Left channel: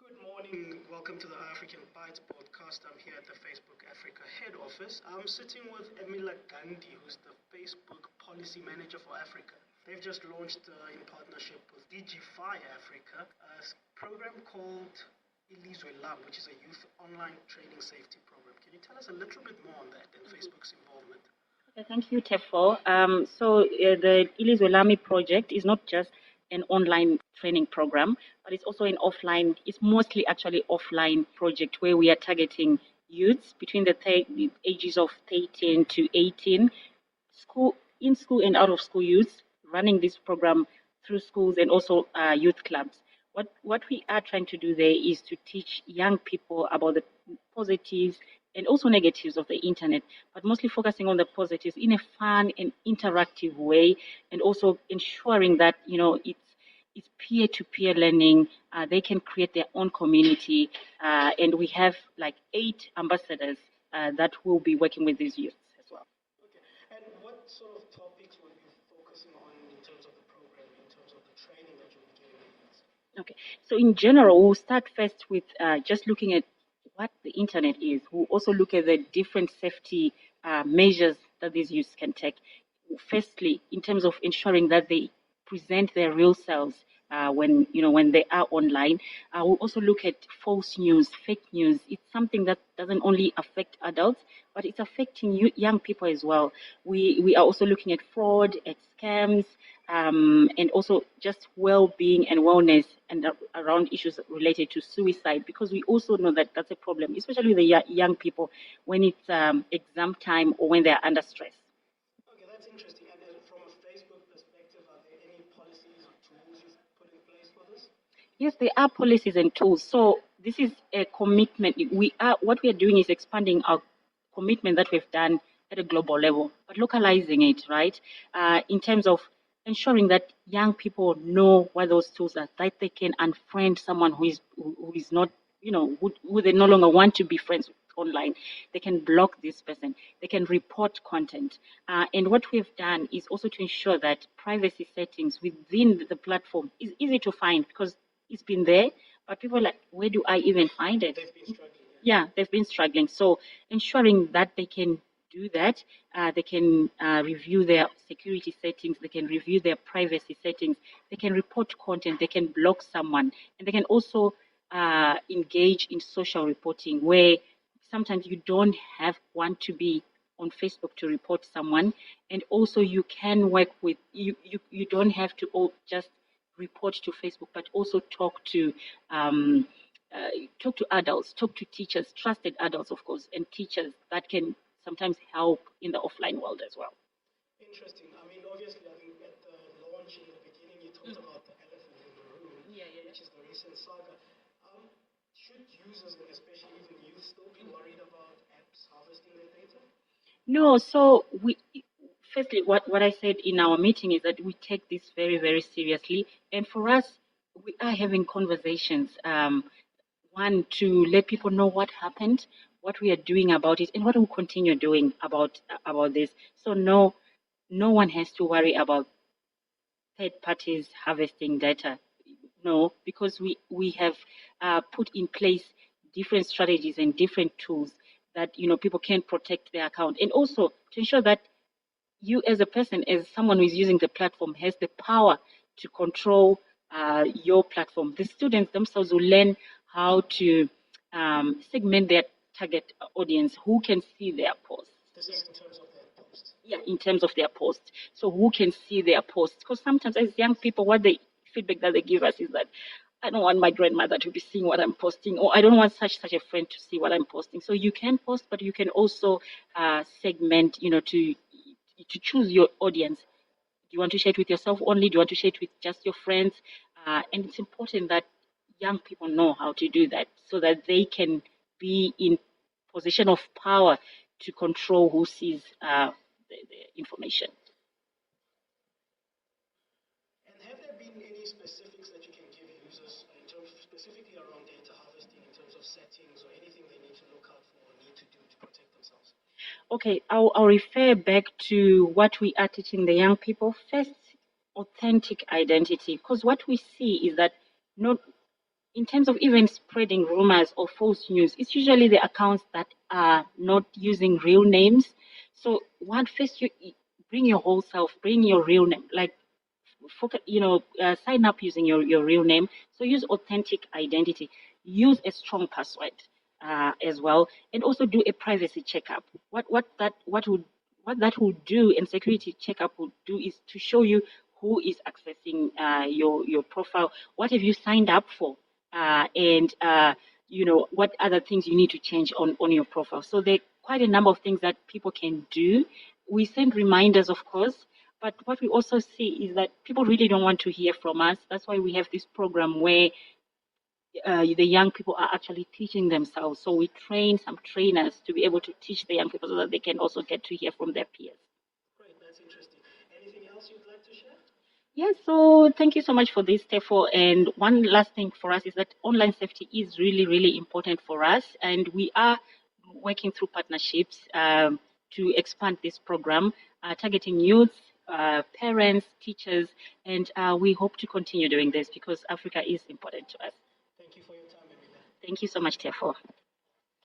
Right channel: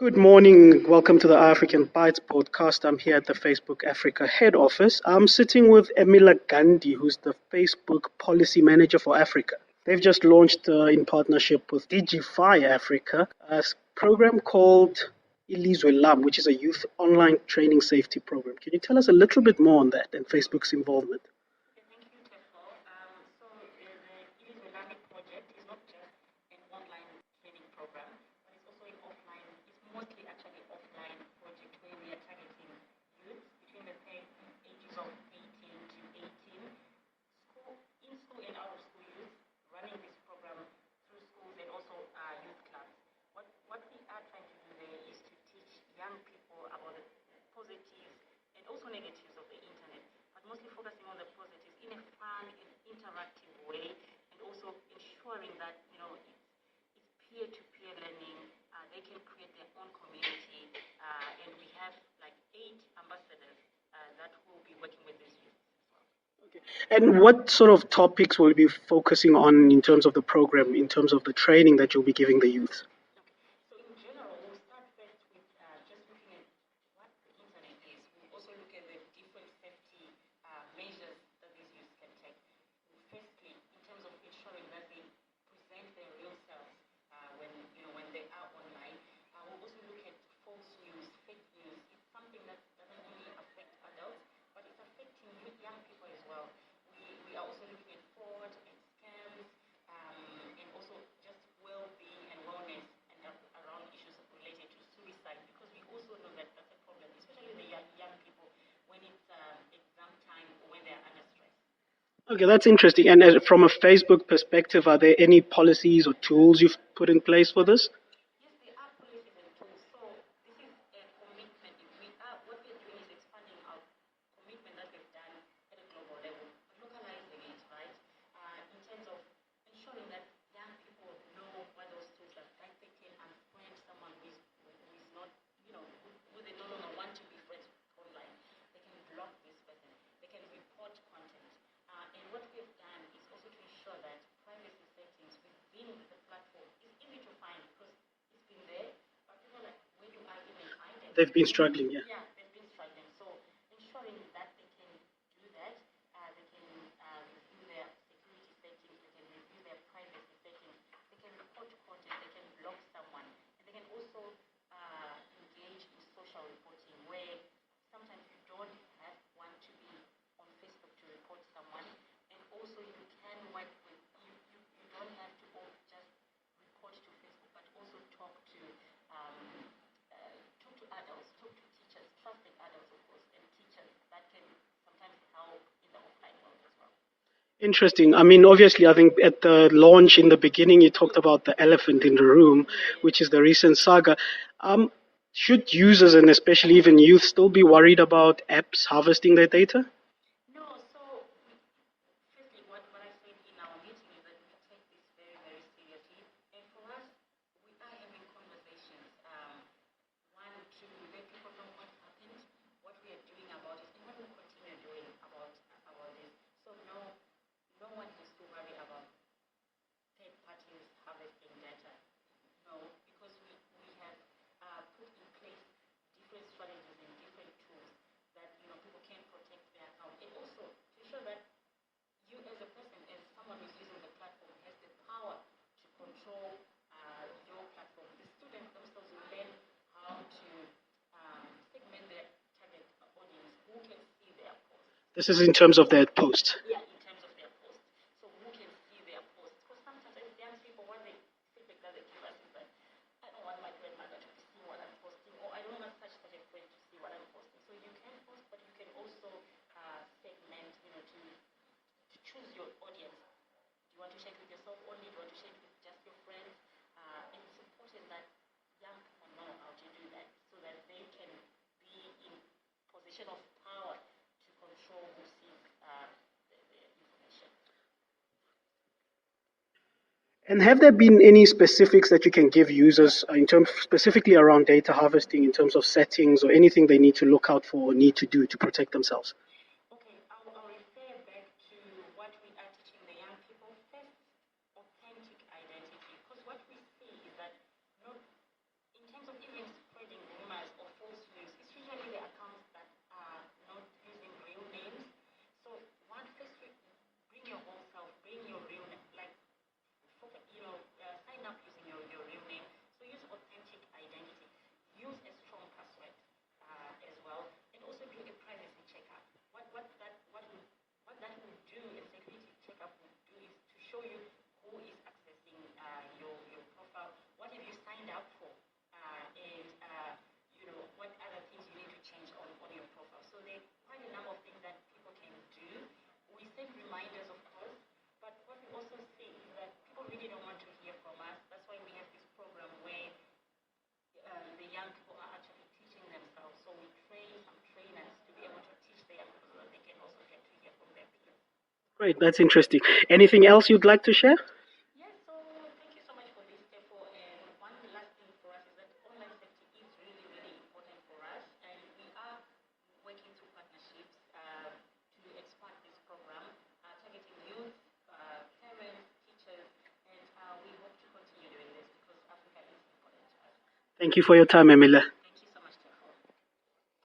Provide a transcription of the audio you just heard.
Good morning. Welcome to the African Bytes podcast. I'm here at the Facebook Africa head office. I'm sitting with Emila Gandhi, who's the Facebook policy manager for Africa. They've just launched, in partnership with Digify Africa, program called Ilizwe Lam, which is a youth online training safety program. Can you tell us a little bit more on that and Facebook's involvement? Okay, thank you, Tefo. The Ilizwe Lami project is not just an online training program, but it's also it's mostly actually offline project where we are targeting youths between the ages of 13 to 18, in school and out of school youths, running this program through schools and also youth clubs. What we are trying to do there is to teach young people about the positives and also negatives of the internet, but mostly focusing on the positives in a fun and interactive way, and also ensuring that it's peer-to-peer learning. They can create their own community, and we have like 8 ambassadors that will be working with these youth as well. And what sort of topics will you be focusing on in terms of the program, in terms of the training that you'll be giving the youth? Okay, so in general, we'll start first with just looking at what the internet is. We'll also look at the different safety measures that these youths can take. Firstly, in terms of ensuring that they present their real selves when they are online. We'll also look at false news, fake news. It's something that doesn't only affect adults, but it's affecting young people as well. We are also looking at fraud, at scams, and also just well-being and wellness and around issues related to suicide, because we also know that that's a problem, especially with the young people when it's exam time or when they're under stress. Okay, that's interesting. And from a Facebook perspective, are there any policies or tools you've put in place for this? Yes, there are policies and tools. So this is a commitment. What we are doing is expanding our commitment that we've done at a global level, but localizing it, right? In terms of ensuring that young people know what those tools are, that they can unfriend someone who is not, who they no longer want to be friends with online. They can block this person. They can report content. And what we've done is also to ensure that privacy settings within the platform is easy to find, because it's been there, but people are like, where do I even find it? They've been struggling, yeah. Yeah, they've been struggling. So ensuring that they can do that, they can review their security settings, they can review their privacy settings, they can report content, they can block someone, and they can also engage in social reporting, where sometimes you don't want to be on Facebook to report someone, and also you can work with you don't have to just report to Facebook, but also talk to adults, talk to teachers, trusted adults, of course, and teachers that can sometimes help in the offline world as well. Interesting. I mean, obviously, I think at the launch in the beginning, you talked about the elephant in the room, which is the recent saga. Should users, and especially even youth, still be worried about apps harvesting their data? No. So firstly, what I said in our meeting is that we take this very, very seriously. And for us, we are having conversations, one, to let people know what happened, what we are doing about it, and what we'll continue doing about this. So no one has to worry about third parties harvesting data. No, because we have put in place different strategies and different tools that people can protect their account, and also to ensure that you as a person, as someone who is using the platform, has the power to control your platform. The students themselves will learn how to segment their target audience, who can see their posts. This is in terms of their posts. Yeah, in terms of their posts. So who can see their posts? Because sometimes as young people, what the feedback that they give us is that I don't want my grandmother to be seeing what I'm posting, or I don't want such a friend to see what I'm posting. So you can post, but you can also segment, to choose your audience. Do you want to share it with yourself only? Do you want to share it with just your friends? And it's important that young people know how to do that, so that they can be in position of power to control who sees the information. And have there been any specifics that you can give users in terms specifically around data harvesting, in terms of settings or anything they need to look out for or need to do to protect themselves? Okay, I'll refer back to what we are teaching the young people. First, authentic identity, because what we see is that not in terms of even spreading rumors or false news, it's usually the accounts that are not using real names. So first you bring your whole self, bring your real name, like sign up using your real name. So use authentic identity. Use a strong password as well, and also do a privacy checkup. What that will do, and security checkup will do, is to show you who is accessing your profile. What have you signed up for, and what other things you need to change on your profile. So there are quite a number of things that people can do. We send reminders, of course. But what we also see is that people really don't want to hear from us. That's why we have this program where the young people are actually teaching themselves. So we train some trainers to be able to teach the young people so that they can also get to hear from their peers. Great, that's interesting. Anything else you'd like to share? Yes, so thank you so much for this, Tefo. And one last thing for us is that online safety is really, really important for us. And we are working through partnerships to expand this program, targeting youth, parents, teachers, and we hope to continue doing this because Africa is important to us. Thank you for your time, Emila. Thank you so much, Tefo.